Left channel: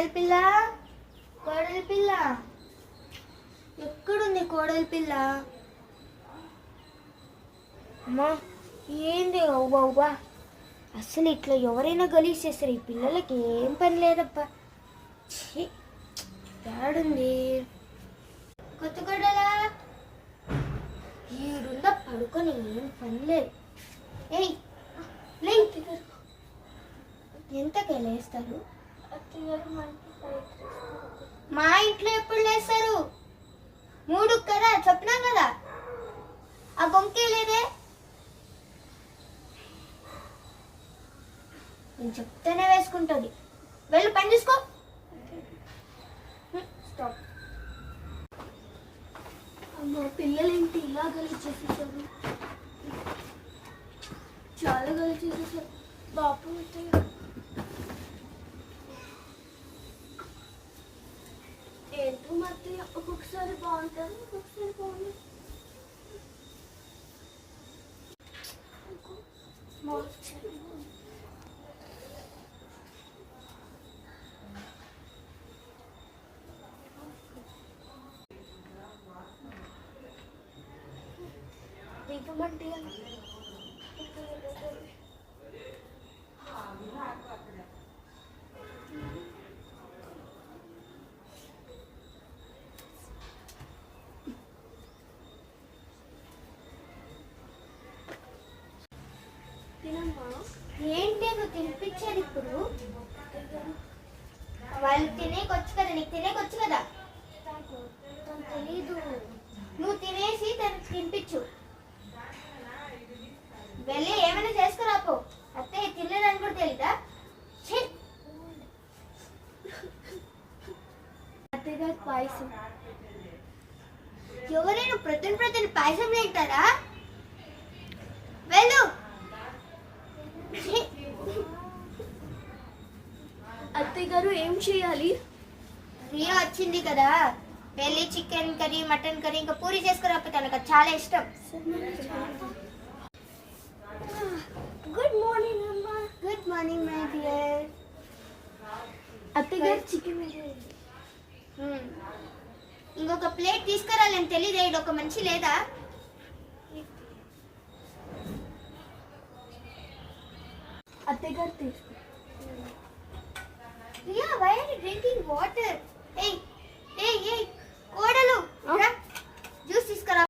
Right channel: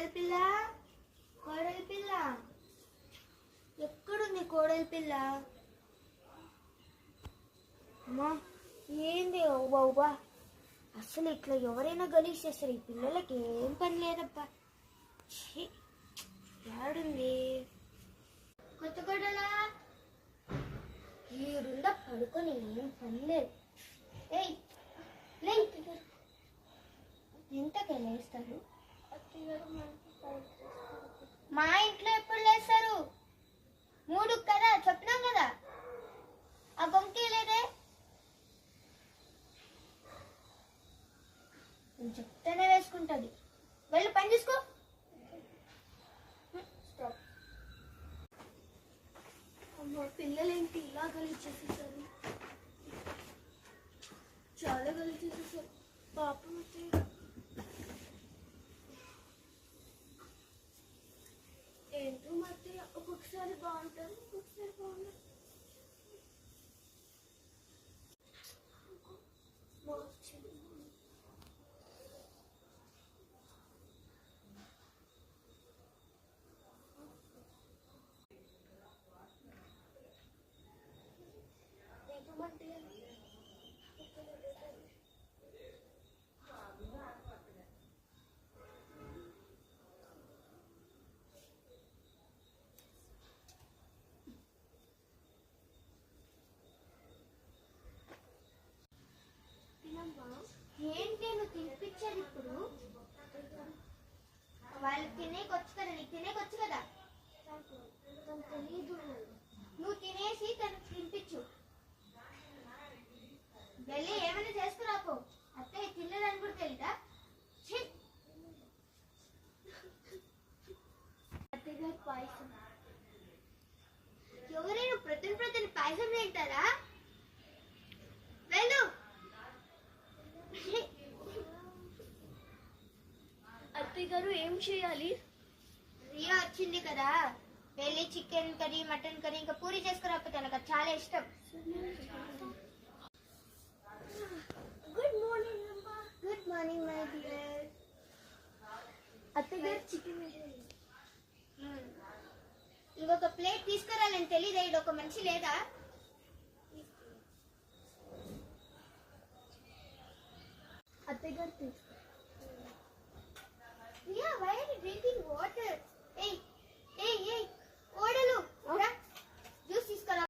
కోడలి పిల్ల, కోడలి పిల్ల, ఎక్కడుంది కోడలి పిల్ల? అమ్మా ఏంది అవ్వా అవ్వా, అసలు ఇట్లా ఎవరైనా గలీజ్ చేస్తారు. ఈ పిల్లలకి ఏం పని లేదబ్బా. ఏడుంది కొత్త కోడలా? ఈడుందా పడుకొని, ఏం పని లేదు. ఏయ్ లే, ఎంతకే లేస్తారు? మా ఇంట్లో ఎప్పుడు లేస్తారు? 3 కదా చెప్పినాం కదా. ఆ గొంకే లేదే. నేను చెప్తేనే వేసుకుంటుంది. వెళ్ళు పని చూసుకో. స్టాప్. అమ్మ పిల్లలేంటి ఇలా గలీజ్ చేసేసారు? చాలా గలీజ్ చేసేసారు. బాపు ఏంటో మధ్య ఒక్కొక్కసారి బాగుంటారు, ఒక్కొక్కసారి బాగుంటారు. దీపమంటే ఏంటి నువ్వు తినిపించేది ఇప్పుడు? వాళ్ళు తినేకొచ్చు కదా, నీకు తినేకొచ్చు కదా. తెలీదు. నువ్వు తినేసి తనకు తినిపించు. వెళ్ళి ఏమైనా చేసుకురాపో. అత్తయ్య తినలేదని కూడా తెలీదా? అత్తగారి పాయసం. ఎవరైనా ప్రతి పాయసం తింటారా? వెళ్ళు. అత్తయ్య గారు ఏం చేయాలి? రియా వచ్చింది కదా, వెళ్ళి చికెన్ కర్రీ, మటన్ కర్రీ, ఇంకా పూరి చేసుకురాపో. తనకు చాలా ఇష్టం. గుడ్ మార్నింగ్ అమ్మా. Good morning my dear. అత్తయ్య గారు చికెన్ ఇంకొక ప్లేట్ తీసుకురాలని తెలీదా? ఇది ఒక మంచి లేదా? అత్తయ్య గారు తీసుకో. Riya, why are you drinking water? Hey, hey, hey,